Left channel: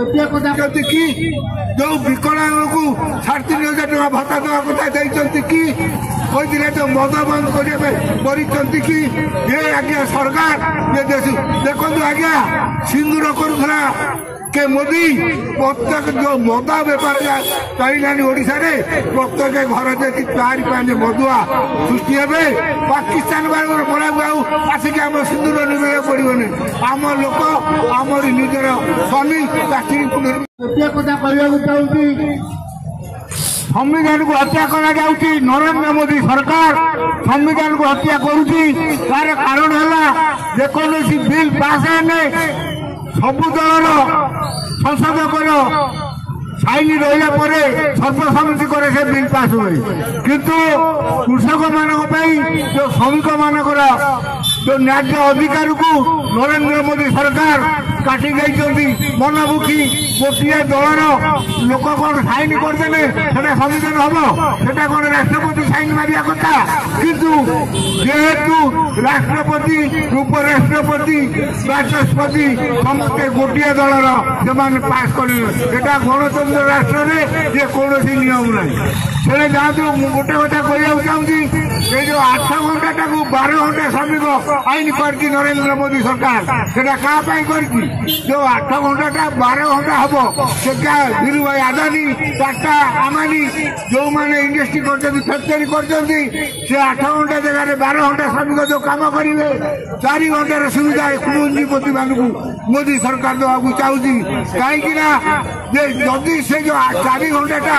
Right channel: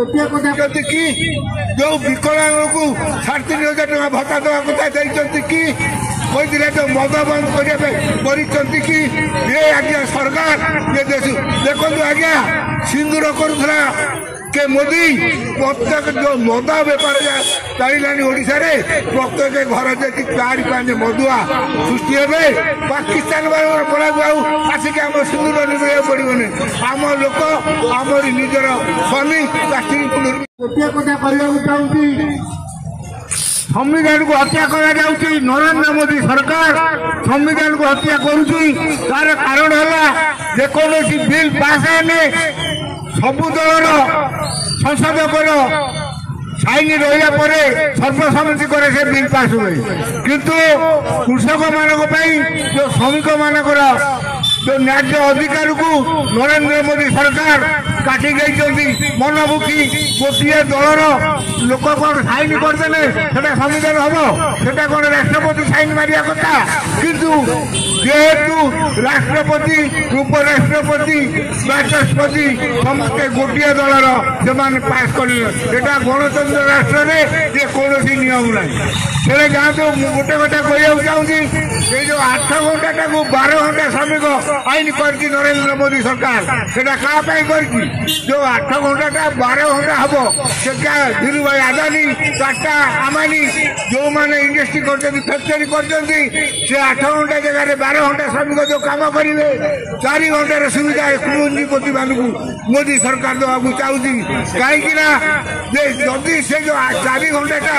कि जो विकलांग को 3,500 टका भत्ता देवा कथा कि तो मद बंद करते कि ये आज्ञा सरकार ये देखो आज्ञा सिंदूर करूला के मोदी प्रत्येक जो मदा बेपार चलानी ओडिशा रे प्रत्येक घर देखी 4-5 मदुआ सृष्टि हे पाकिस्तान पड़ा आसिक आम सिंदूर निभा पड़ोनी आम लोक आमर निजर स्वामी गोटे कथा कहूँ संविधान को हत्या करा नरेंद्र मोदी सरकार संविधान को हत्या करुच्ची तार कारण है जेकोसी बिल पास है सबु दल संसद साइन रहा सर्वसम्मति करे से बिल पास हुए किंतु कृषक मान जो श्रमिक मानकर जो न्याय अधिकार को नरेंद्र मोदी सरकार काटी गई मनमुखी गोटे दलर लोक कौन साइन करदे संविधान हम से कौन राष्ट्रपति साइन मारिया कथा किंतु जेहेतु राष्ट्रपति उपराष्ट्रपति बाचस्पति समस्ते गोटे दलर से पास कर गणतंत्र राष्ट्र में ये कौन नियम ना से जातु गोटे कथा कहूँ चाहिए ये जो 8 घंटा 12 घंटा श्रमिक आईन कर नरेंद्र मोदी सरकार से कर जो 8 घंटा 12 घंटा हम से क्या धीरू भाई आदानी टाटा आमानी जो मैंने इंडस्ट्री कर फैक्टरी कर 8 घंटा जगह 12 घंटा श्रमिक जो कम करेंगे 4 घंटार सुविधा पूंजीपति मान मोदी सरकार देवा चाहूँगी कहीं जदि से जो 4 घंटा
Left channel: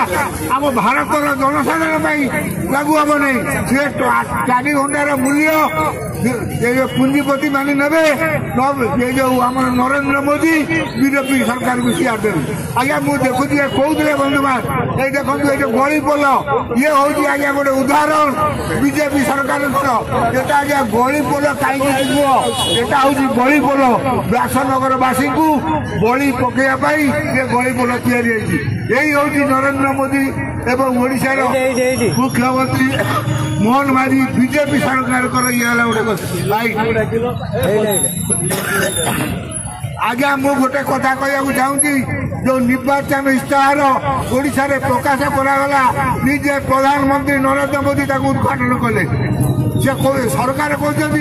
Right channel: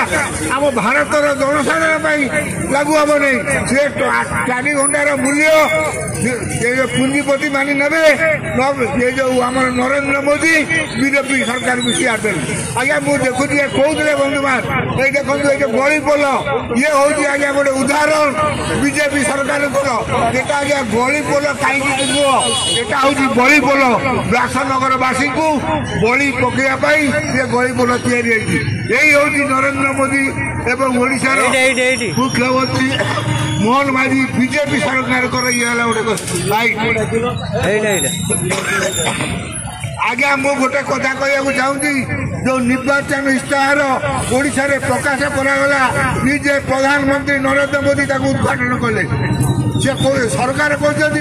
आम भारत जनसाधारण लागू हम नहीं से 4 घंटार मूल्य ये जो पूंजीपति मानी ने ये जो आम नरेंद्र मोदी बीजेपी सरकार को सियार दे आज्ञा मुझे देखुची कहते बंधु मान ये देखो ये जो गलीपोल ये हूँ आज्ञा गोटे उदाहरण बीजेपी सरकार आज्ञा गलीपोल कहीं यहाँ हूँ गलीपोल व्यासनगरवासी को बलि पकड़ा ये गलीपोल यही हूँ नरेंद्र मोदी एवं ओडिशार मुख्यमंत्री मोहन माझी बीजेपी सरकार ये गोटे लाइट आज्ञा मु गोटे कथा कहूँ चाहूँगी जो निर्वाचन इश्ताहार ओडिशा रे प्रकाश करागला निजे प्रधानमंत्री नरेंद्र मोदी उद्घाटन कले सरकार कहते